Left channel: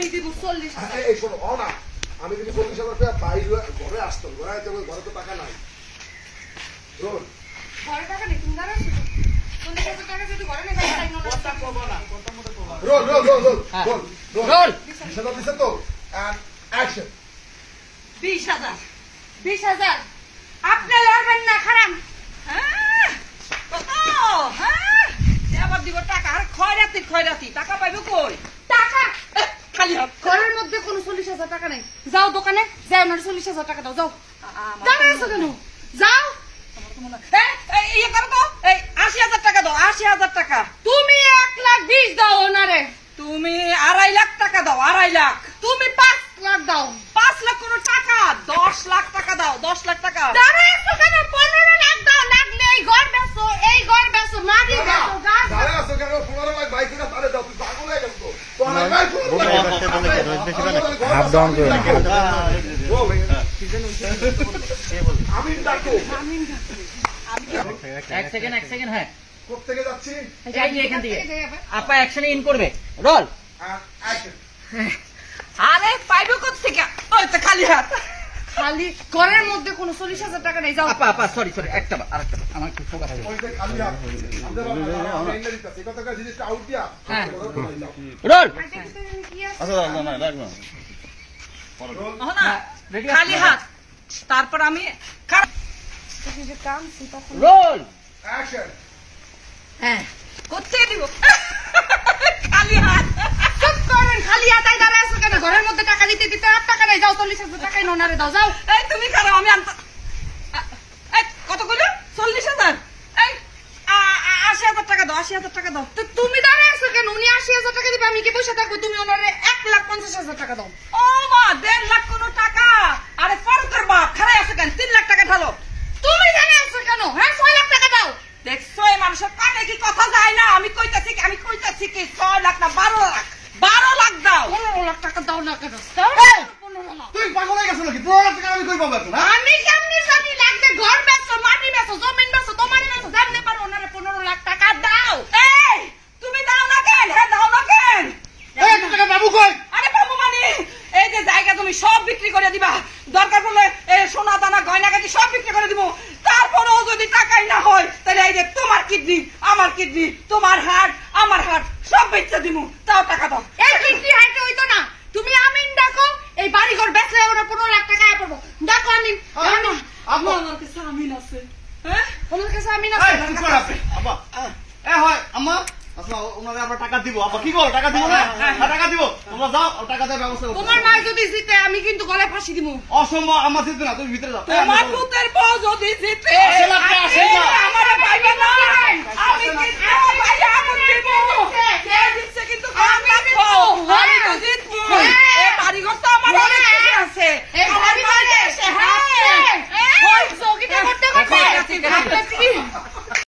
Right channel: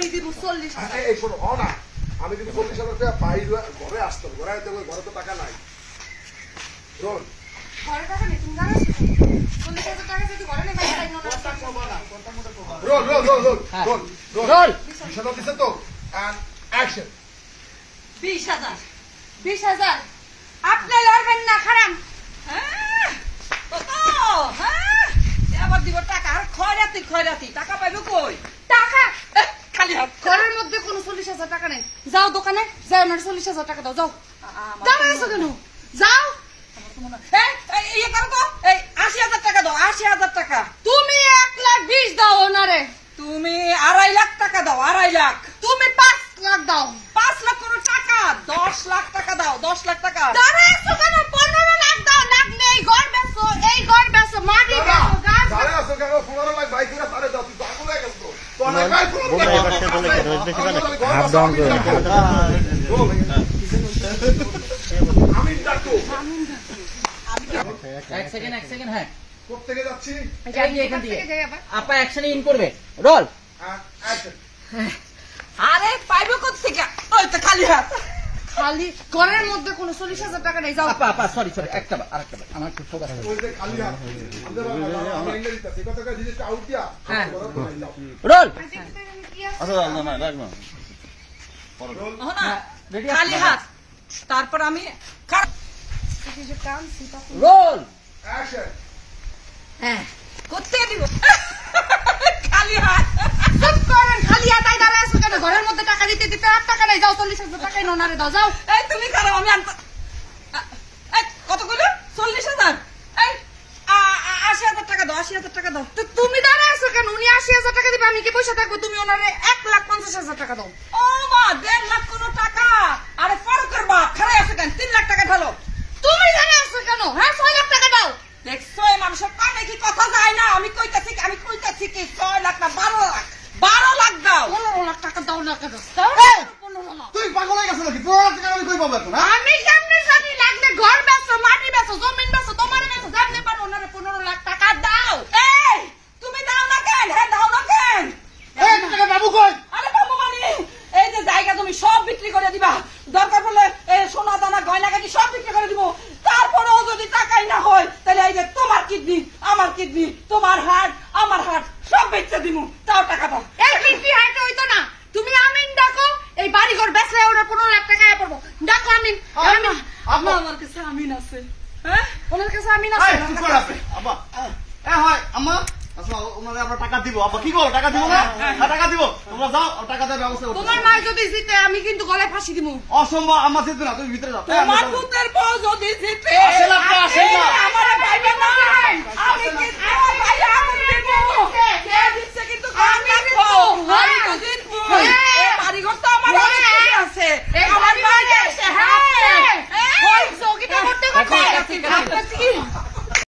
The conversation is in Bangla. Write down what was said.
আমি দিব 40,000 এই শোনো না আমি কিন্তু 40,000 টাকা পাই ঘরে আসতাম ঘরে তো টাকা নাই রোল ঘরে টাকা নেই তুমি জানো 40,000 টাকা যদি ঘরে নেই তাই না কথা কবা না কথা মোটা কবা রোল বিশাল দিছে তো আর অ্যাকশন 20,000 আপনি লড়বেন না খারাপ কত আবার দিব টাকা আর খয়রাতি টাকা পাইবে কই টাকা খালি ঘরের মধ্যে কোনো 40,000 টাকা নেই যাও দোকানে যাও না 40,000 টাকা দাও যাও দাঁড়ায় আছো কেন যাও এই করো তো এই 80,000 টাকা দাও 80,000 টাকা তুমি 1,20,000 দাও ওনারে তুমি 2.5 লাখ টাকা দাও 2.5 লাখ তুমি 5 লাখ দাও 5 লাখ কোনো টাকা 10 লাখ টাকা দাও 10 লাখ টাকা দাঁড়ায় আছো কেন 15 লাখ দাও লাগলে এই ঘর বেচো মাটি বেচো দাঁড়ায় আছো কেন 15 লাখ বাইক করে তারে দাও তুই পাগল হয়ে গেছো তো হাফ ডাউন করুন এক সেকেন্ড হ্যাঁ কোত্থেকে যাচ্ছি এখান থেকে আপা অ্যাকশনে ইন করবে রোল অ্যাকশন আরে পাইবে কোত্থেকে ওই তো খালি হাত খালি ঘরের মধ্যে কোনো 40,000 টাকা নেই যাও আপা সরি আরেকটা আমার খুব খবর আছে ওই যে খালি হাত আমাদের আমরা ইংরেজিতে সে কথাটা জিনিসটা আউট দিয়া রোল না রাখবো না খালি হাত তারপর আমি রোল অ্যাকশন হ্যাঁ কোথায় দিব খালি হাত চুপ করেন খালি হাত আই দাঁড়ায় আছো কেন ঘরের মধ্যে টাকা দিতে আর টাকা নাই যাও 40,000 টাকাই নোনারে দাও যাও এই তুমি খারাপ আমি এই কত কইলো 40,000 এই 80,000 টাকা দাও 80,000 টাকা দাও তো তুমি দাঁড়ায় আছো কেন উনি 80,000 টাকা দিবে আমি কি পয়সা থাকবো তুমি ওনারে 1,50,000 টাকা দাও ও মা 1.5 লাখ কোনো টাকা আরে পরকার বাপ খারাপ আছে কেন 3 লাখ টাকা ঢালো তুমি দাঁড়ায় আছো কেন হ্যাঁ 6 লাখ টাকা দাও দেখছো এই মানুষের কানে কি কথা যায় না আমি কইতাছি কি 6 লাখ না 12 লাখ দাও 15 লাখ টাকা দাও না কেন 15 লাখ তুই পাগল হয়ে গেছ নাকি 15 লাখ টাকা আমি কই পাবো এখন আমি জানি লাগবে ঘর বেচো মাটি বেচো জমিন বেচো তোমার বেচো জানতে পারো ওনারে 15 লাখ টাকা দাও এই তুমি দাও না কেন দাও না কেন এই টাকা বাবু কই আরে বাবু মানে এই যে জায়গা তুমি সব বিক্রি করে দিবা দরকার পড়লে সোনা দানা গয়না গাটি সব বিক্রি করে দিব তারপরেও যদি টাকাই না হয় তাহলে এই যে তোমার কিডনি আমার কিডনি তোমার হার্ট আমার হার্ট সব বেচতে দিব তাও টাকা দাও এই কিডনি হার্ট হইতো না তুমি আমিন ডাকো এই বাড়ি ঘর বেচলে ওরা 15 লাখ টাকা আয় পড়বো ডাকো আমিন আমার কাছে আমিন আছে হ্যাঁ ওনার কাছে আমিন আছে আব্বা হয় আম্মা আচ্ছা ওনারে আমরা টাকা দিব আব্বা কি বল টাকা দিব না টাকা দিব তোমরা যাও টাকা দেওয়ার ব্যবস্থা করো তোমার মা যদি জিতে আমি কিন্তু গলায় ফাঁসি দিব অসম্ভব আম্মা জিতবে না তুমি ভিতরে যাও তোমার পুত্রের বউ যদি জিতে আমারে পাইবে না আমি কিন্তু ভাইয়া করব কে জিতছে কিন্তু আমি রাখবো আমি তো জিতবো এই বাড়ি ঘর তো আমার অনেক কিছু আছে এই বাড়ি হইছে হ্যাঁ ওই সগিটা করতে করতে